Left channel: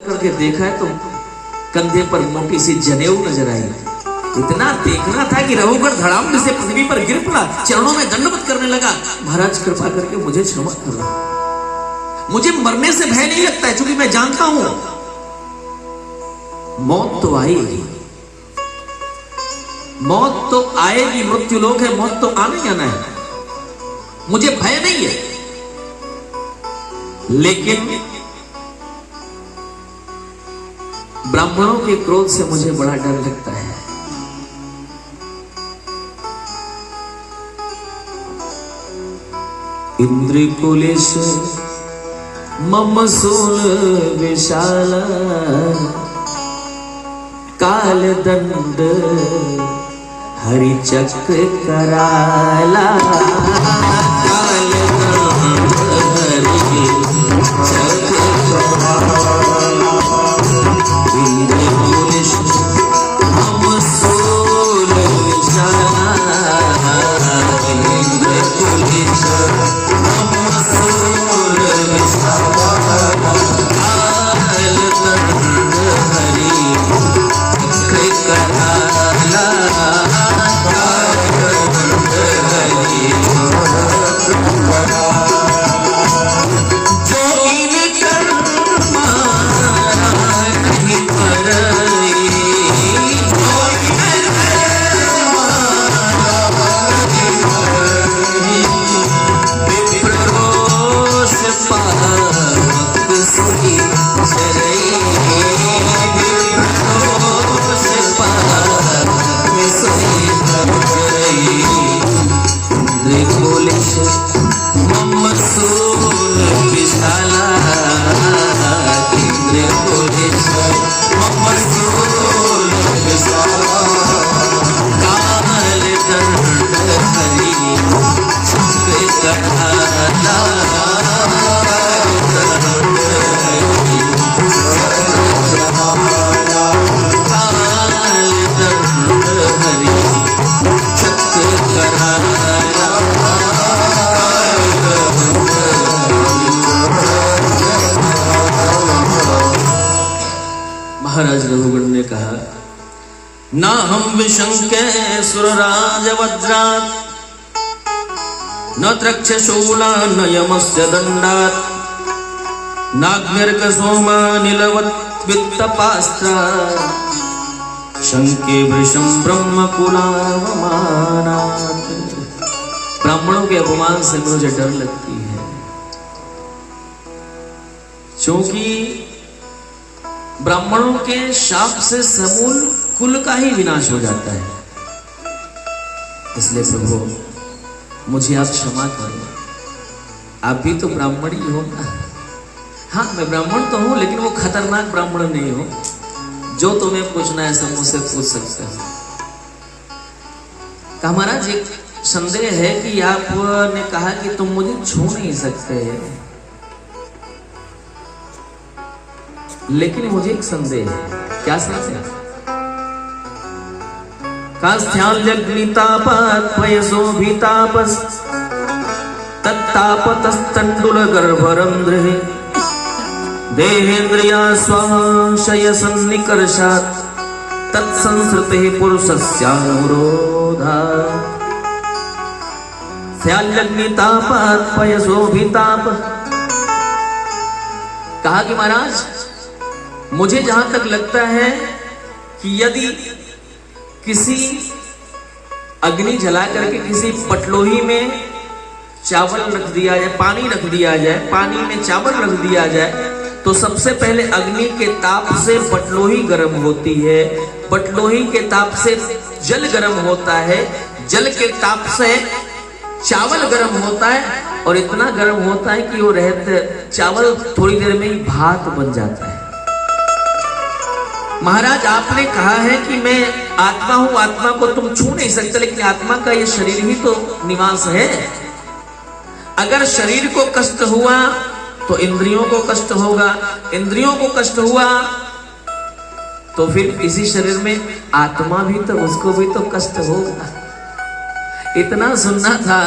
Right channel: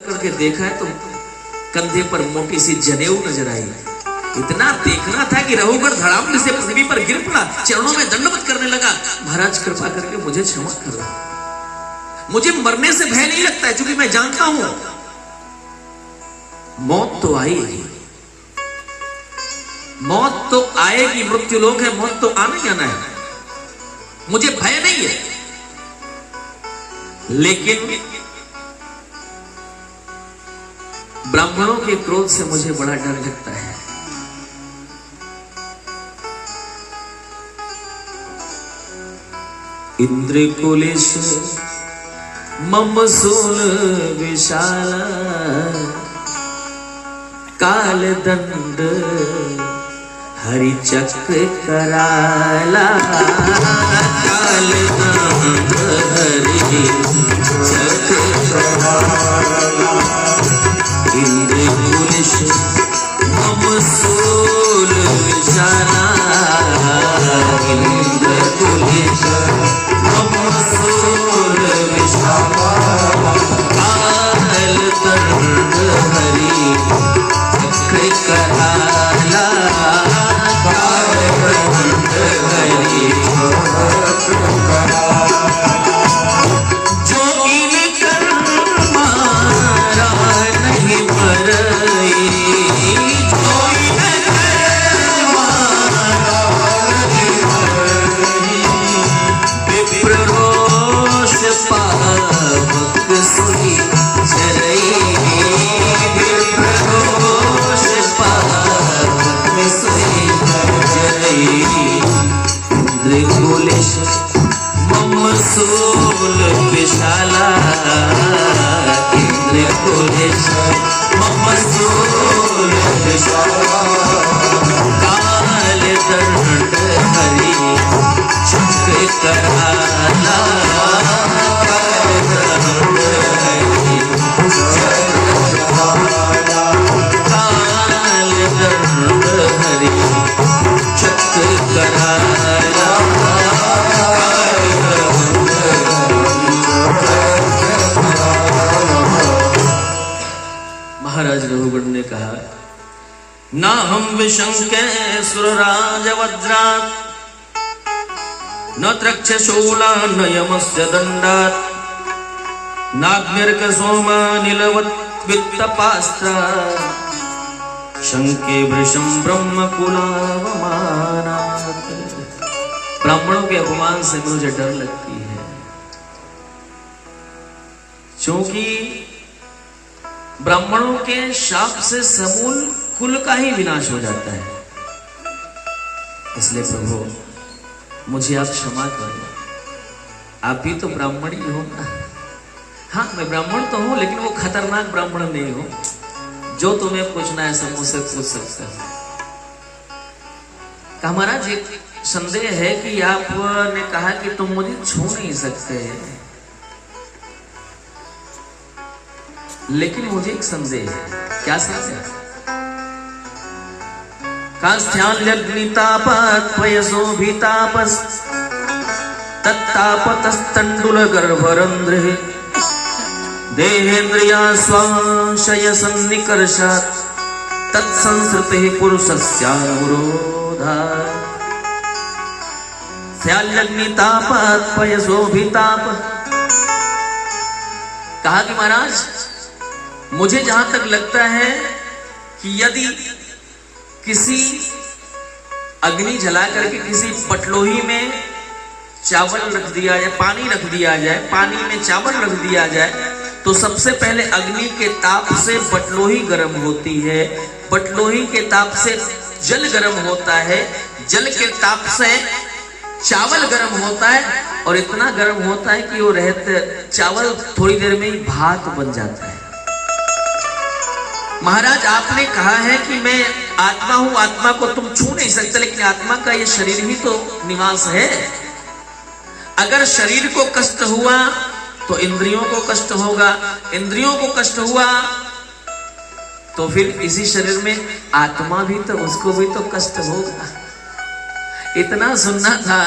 करके देखा है तो कंधे पर मोटी सी जनेऊ नजर आई। इतना देखना था कि रघुवर धड़ाम से पृथ्वी पर गिर पड़ा, चरणों में दंडवत करने लगा। महाराज कृपा करके मुझे क्षमा करो, मुझे मरने से भय नहीं लगता है, क्योंकि मैं जानता हूं मौत तो आएगी, मौत तो आएगी, मृत्यु लोक है, मौत तो आना ही आना है, मुझे भय नहीं है। लेकिन ब्राह्मणों के क्रोध से मुझे बड़ा डर लगता है। इंद्र कुलेश मम सोल विशाल काल दंड हरि चक्र कराला, काल दंड हरि चक्र कराला। इंद्र कुलेश मम सोल विशाल, इंद्र कुलेश मम सोल विशाल काल दंड हरि चक्र कराला, काल दंड हरि चक्र कराला। जो इन कर्म नहीं मरई, जो इन कर्म नहीं मरई, विप्ररोष पावक सुई चरई, विप्ररोष पावक सुई चरई। इंद्र कुलेश मम सोल विशाला, इंद्र कुलेश मम सोल विशाला काल दंड हरि चक्र कराला, काल दंड हरि चक्र कराला, काल दंड हरि चक्र कराला। महाराज रघुगण ने कहा, ना हम विशंके सुरराज वज्रात्, न त्रक्षशूला न यमस्य दंडात्, नाग्निर्क सोमानिलवत् वित्तपास्त्रात्, शंके वृषं ब्रह्म कुलावमानात्। ब्राह्मणों के अपमान से मुझे डर लगती है, क्योंकि ब्राह्मणों के शाप से समूल कुल का ही विनाश हो जाता है। इसलिए प्रभु मुझे आप क्षमा करो, आप भी तो ब्राह्मण ही हो ना। हाँ, मैं ब्राह्मण तो हूं, लेकिन वो खतरनाक ब्राह्मण नहीं हूं जो तुम्हें पूछना है सब मुझसे पूछ सकते हैं। कहा महाराज एक संदेह है कि आपने कहा कि तुम मुझे छू नहीं सकते, लेकिन मुझे एक संदेह है। क्या संदेह? कास्थ्याल्यग्नितापात् पयसोभितापस् तत्तापतस्तण्डुल गर्भरन्ध्रे देहेन्द्रिया स्वांशय सन्निकर्षात् तत्संसृतेः पुरुषस्यानुरोधात्। स्थ्याल्यग्नितापात् पयसोभिताप। कहा कि महाराज मुझे जहां तक लगता है कि यदि किसी अग्नि जला करके किसी पटलोही में चावल रख दिया जाए, पानी रख दिया जाए, पानी में चावल रख दिया जाए, तो सबसे पहले अग्नि के ताप से पटलोही गर्म होती है, पटलोही के ताप से जल गर्म होता है, जल के ताप से चावल गर्म होता है, और इतना गर्म होता है कि वो रहते चावल थोड़ी देर में ही भात बन जाता है। महाराज आपने कहा है कि मैं आत्मा हूं, आत्मा को तुम छू नहीं सकते, लेकिन आत्मा का ये शरीर ही तो निवास है। अगर शरीर को कष्ट हुआ तो इंद्रियों को कष्ट होगा, इंद्रियों को कष्ट हुआ तो फिर इसी शरीर में आत्मा भी तो, उसको भी तो कष्ट होगा। इतना सुनना था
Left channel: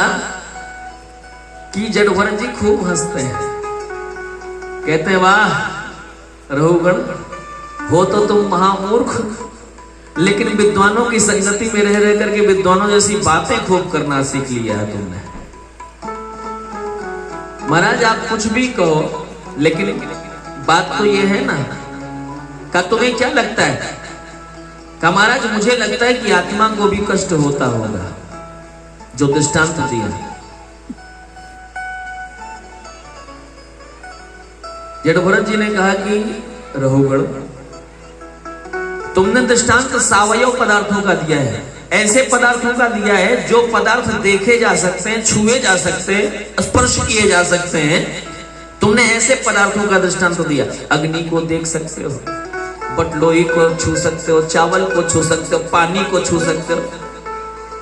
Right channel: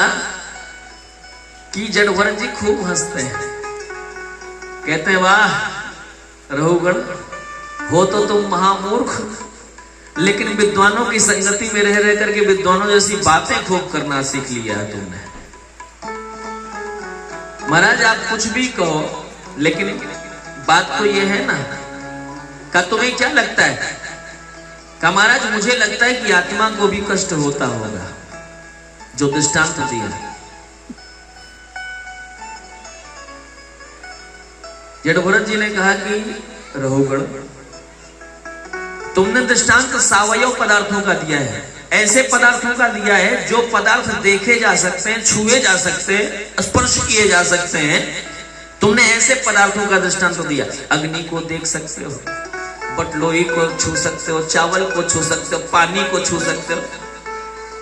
कि जड़भरत जी खूब हंसते हैं, कहते हैं वाह रहुगण हो तो तुम महामूर्ख, लेकिन विद्वानों की संगति में रह रह करके विद्वानों जैसी बातें खूब करना सीख लिया है तुमने। महाराज आप कुछ भी कहो, लेकिन बात तो ये है ना, का तुम्हें क्या लगता है? का महाराज मुझे लगता है कि आत्मा को भी कष्ट होता होगा, जो दृष्टांत दिया। जड़भरत जी ने कहा कि रहुगण तुमने दृष्टांत सावयव पदार्थों का दिया है, ऐसे पदार्थों का दिया है जो पदार्थ देखे जा सकते हैं, छुए जा सकते हैं, स्पर्श किए जा सकते हैं। तुमने ऐसे पदार्थों का दृष्टांत दिया। अग्नि को देख सकते हो, बटलोई को छू सकते हो, चावल को छू सकते हो, पानी को छू सकते हो,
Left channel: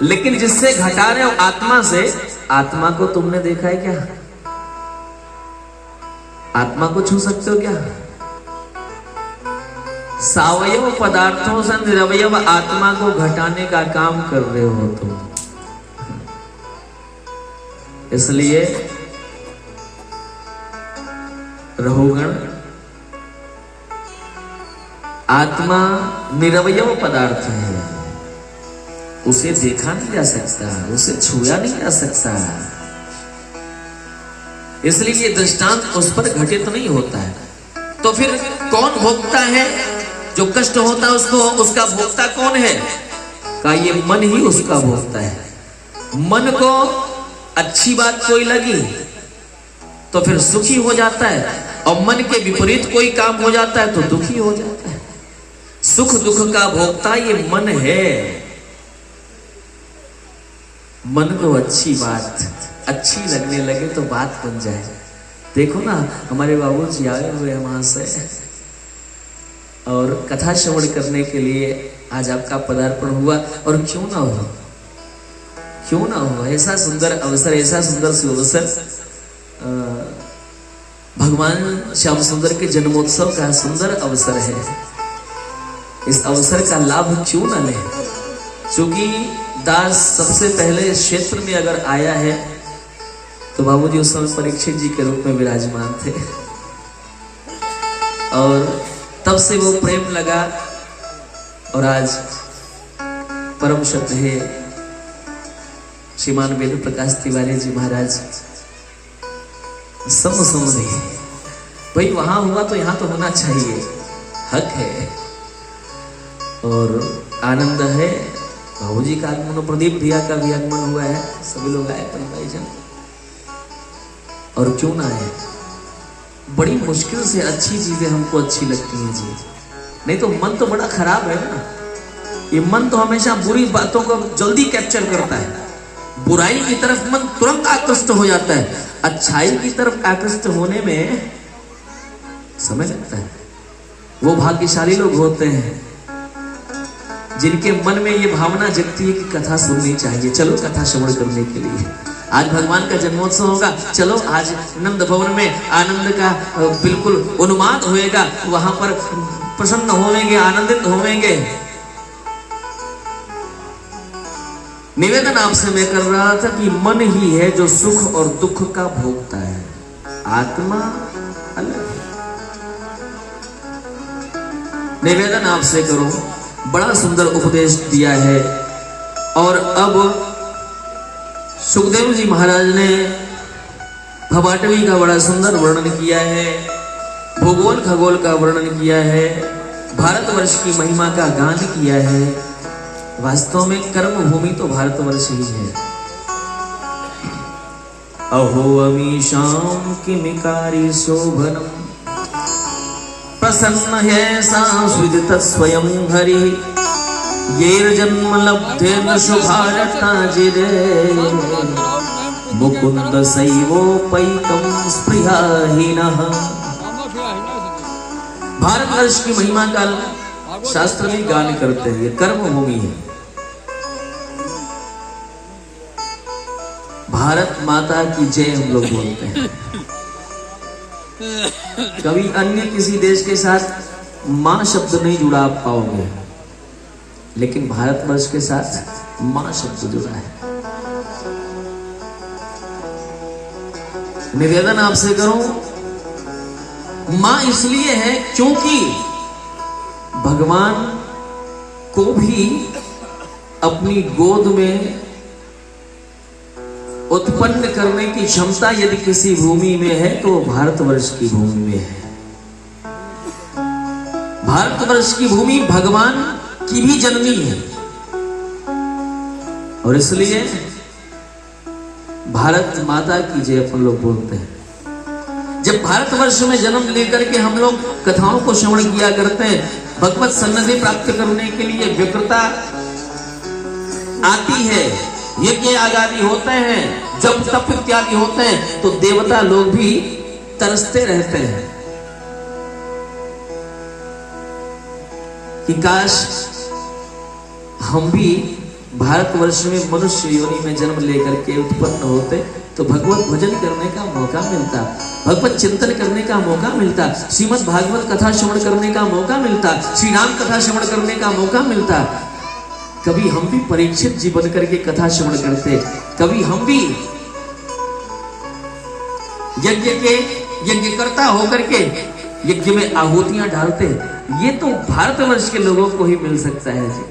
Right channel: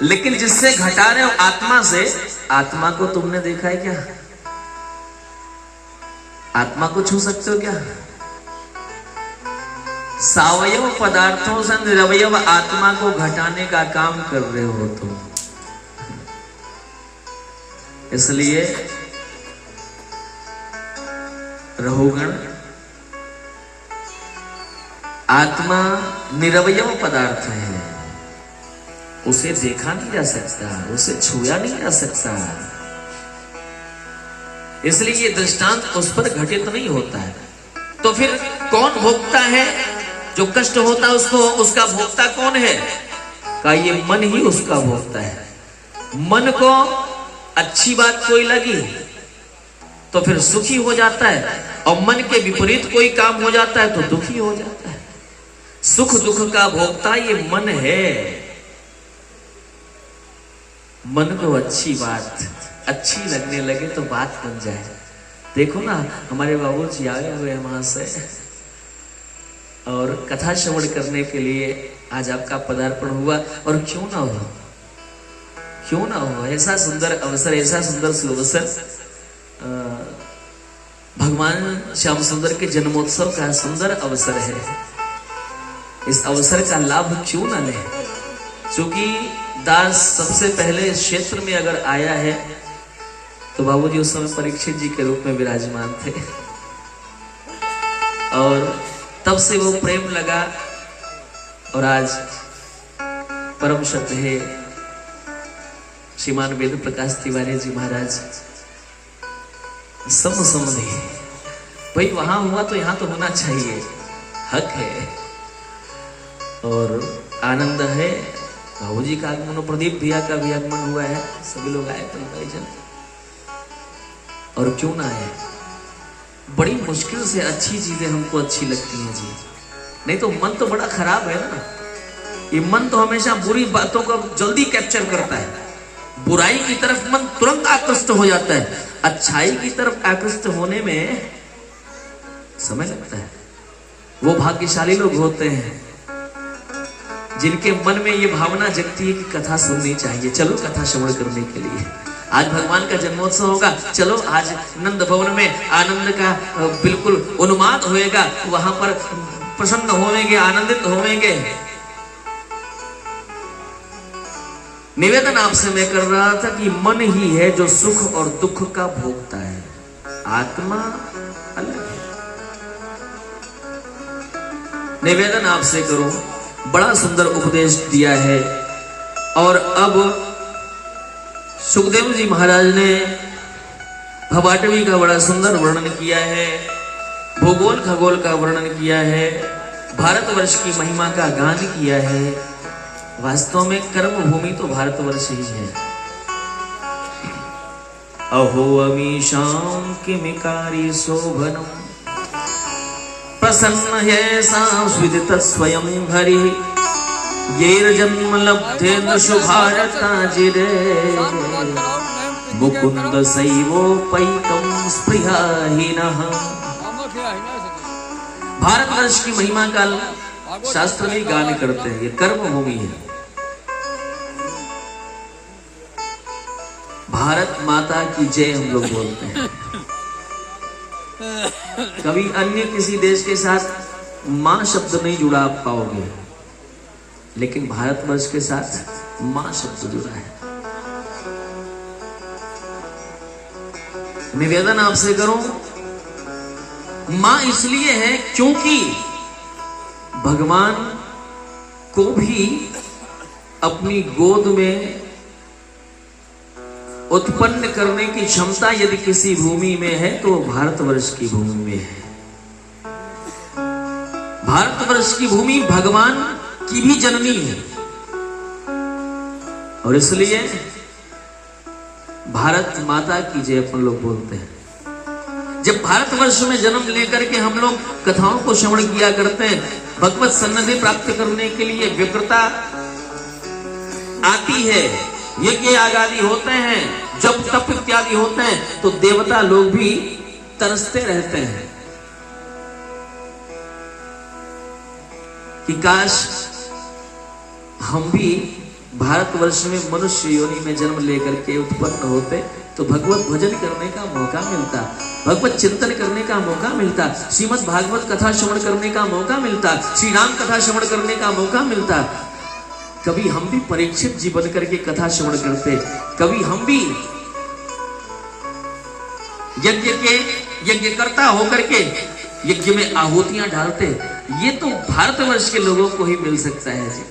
लेकिन जिससे घटा रहे हो आत्मा से, आत्मा को तुमने देखा है क्या? आत्मा को छू सकते हो क्या? सावयव पदार्थों से निरवयव आत्मा को घटाने का काम कर रहे हो तुम। इसलिए रहुगण आत्मा निरवयव पदार्थ है, उसे देखा नहीं जा सकता, उसे छुआ नहीं जा सकता, इसलिए ये दृष्टांत उस पर घटित नहीं होता है। तो फिर कौन भोगता है? जो कष्ट होता है उसको, उसका भोगता कौन है? का ये मन ही उसका भोगता है। मन को अच्छी बात कोई लगी तो फिर सुखी हो जाता है, और मन के विपरीत कोई काम हो जाता है तो दुखी हो जाता है। सुख दुख का भोगता ये मन है। मन को अच्छी बात अच्छी लगने लगे तो बात बन जाए। देखो ना, हमारे बाबूजी आए हुए हैं वहां से, और कथा श्रवण करने के लिए आज आपका पदार्पण हुआ, और क्यों ना हो, क्यों ना हो, ऐसा सुंदर अवसर, ऐसा सुंदर सुअवसर, भगवान श्याम सुंदर के जन्मोत्सव का सुंदर अवसर है। इस अवसर का लाभ क्यों ना ले? क्योंकि दास सबसे पहले क्षेत्र में अगर आया है तो बाबूजी उस समय परीक्षित जी के रूप में विराजमान थे, और तब से वो प्रेम लगा, और आज परम श्रद्धेय श्रीमान वेद प्रकाश तिवारी जी महाराज समझे भाई वहां हुआ तो यहाँ तो होना चाहिए, हक है और आनंद है। बाबूजी का आगमन, प्रदीप भैया का भी आगमन हुआ है, सभी लोग आए परिजन, और क्यों ना आए। बड़ी मुश्किल से अच्छी चीजें हमको अच्छी लगती हैं जी, नहीं तो मन तो बड़ा खराब है ना। ये मन तो हमेशा बुरी बातों को जल्दी कैप्चर करता है, बुराई की तरफ मन तुरंत आकृष्ट हो जाता है, अच्छाई की तरफ आकृष्ट होने में समय लगता है। वो भाग्यशाली लोग होते हैं जिनके मन में ये भावना जगती है कि कथा सुननी चाहिए, चलो कथा श्रवण करने के लिए। आज भगवान का जन्मोत्सव होगा, चलो आज नंद भवन में आनंद का बिल्कुल उन्माद होएगा, वहां पर प्रसन्न होवेंगे, आनंदित होवेंगे। निवेदन आपसे मैं कर रहा था कि मन ही है जो सुख और दुख का भोगता है, आत्मा अलग है। निवेदन आपसे करो, बड़ा सुंदर उपदेश दिया है। और अब सुखदेव जी महाराज ने भवाटवी का बड़ा सुंदर वर्णन किया है, भूगोल खगोल का वर्णन किया है, भारतवर्ष की महिमा का गान किया है। वास्तव में कर्म भूमि तो भारतवर्ष ही है। अहो अमीशाम किमिकारी शोभनम प्रसन्न है सांस्विदित स्वयं हरि येर जन्म लब्धे न शुभारताजिरे मुकुंद सैवोपैकं स्पृहाहीनः। भारतवर्ष की महिमा का शास्त्र में गान करते हैं, ये कर्म भूमि है। भारत माता की जय हम लोग बोलते हैं। कभी अन्य किसी देश के साथ मां शब्द नहीं जुड़ा पाओगे, लेकिन भारतवर्ष के साथ मां शब्द जुड़ा है। निवेदन आपसे करूं, मां इसलिए है क्योंकि भगवान को भी अपनी गोद में उत्पन्न करने की क्षमता यदि किसी भूमि में है तो भारतवर्ष की भूमि में है। भारतवर्ष की भूमि भगवान की भी जननी है और इसलिए भारत माता की जय अपन लोग बोलते हैं। जब भारतवर्ष में जन्म लेकर के हम लोग कथाओं को श्रवण किया करते हैं, भगवत सन्निधि प्राप्त करने के लिए व्यग्रता आती है, यज्ञ आदि होते हैं, जब तप इत्यादि होते हैं, तो देवता लोग भी तरसते रहते हैं कि काश हम भी भारतवर्ष में मनुष्य योनि में जन्म लेकर के उत्पन्न होते तो भगवत भजन करने का मौका मिलता, भगवत चिंतन करने का मौका मिलता, श्रीमद् भागवत कथा श्रवण करने का मौका मिलता, श्री राम कथा श्रवण करने का मौका मिलता। कभी हम भी परीक्षित जी बन करके कथा श्रवण करते, कभी हम भी यज्ञकर्ता होकर के यज्ञ में आहुतियां डालते। ये तो भारतवर्ष के लोगों को ही मिल सकता है जी।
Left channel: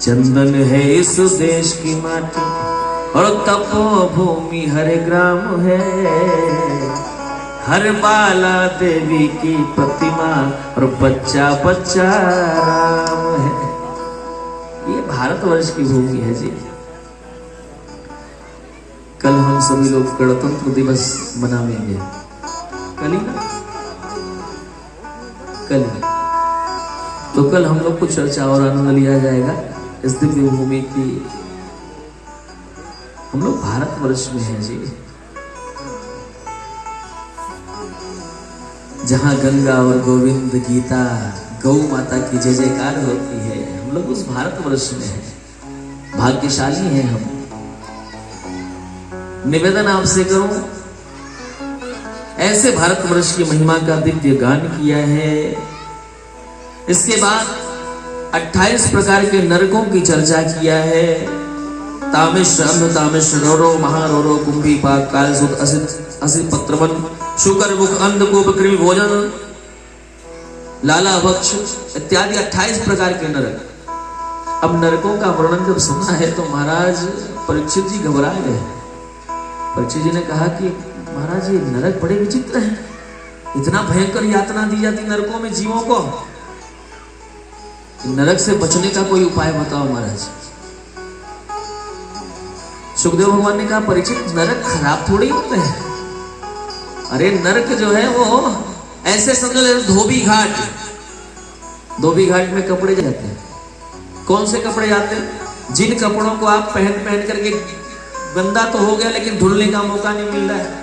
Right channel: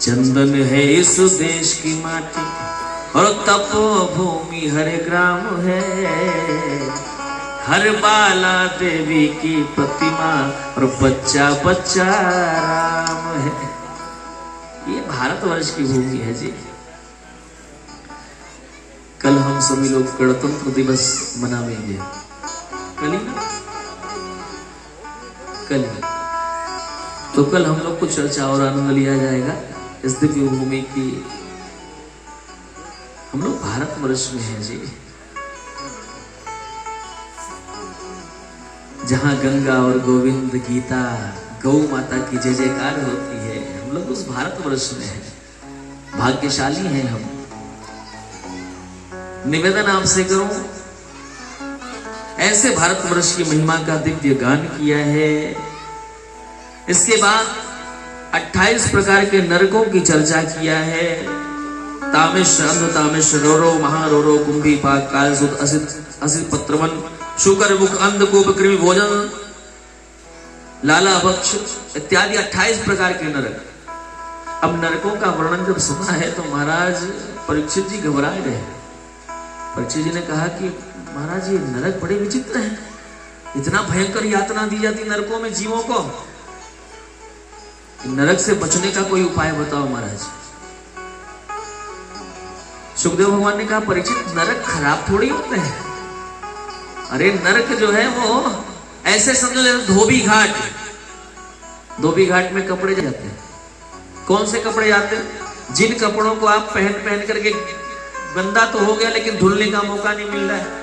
चंदन है इस देश की माटी और तपोभूमि हर ग्राम है, हर बाला देवी की प्रतिमा और बच्चा बच्चा राम है। ये भारतवर्ष की भूमि है जी। कल हम सभी लोग गणतंत्र दिवस मनाएंगे, कल ही ना, कल ही। तो कल हम लोग को चर्चा और आनंद लिया जाएगा इस दिव्य भूमि की। हम लोग भारतवर्ष में हैं जी, जहां गंगा और गोविंद गीता गौ माता की जय जयकार होती है। हम लोग उस भारतवर्ष में हैं, भाग्यशाली हैं हम। निवेदन आपसे करूं, ऐसे भारतवर्ष की महिमा का दिव्य गान किया है। इसके बाद 28 प्रकार के नरकों की चर्चा किया है। तामिश्र अंध तामिश्र रोरो महारोरो कुंभी पाक काल सुत असित पत्रवन शुकर मुख अंध को बकरी भोजन लाला भक्ष इत्यादि 28 प्रकार के नरक। अब नरकों का वर्णन जब सुना है तो महाराज परीक्षित जी घबरा गए। परीक्षित जी ने कहा कि महाराज ये नरक बड़े विचित्र हैं, इतना भयंकर यातना दी जाती नरकों में जीवों को, नरक से बचने का कोई उपाय बताओ महाराज। सुखदेव भगवान ने कहा परीक्षित नरक खराब थोड़ी होते हैं, अरे नरक जो है वो ऐसे समझो जैसे धोबी घाट। धोबी घाट में कपड़े जाते हैं, कौन से कपड़े जाते हैं? जिन कपड़ों को आप पहन करके गंदा तो हो गया लेकिन धुलने का मौका नहीं मिल रहा है,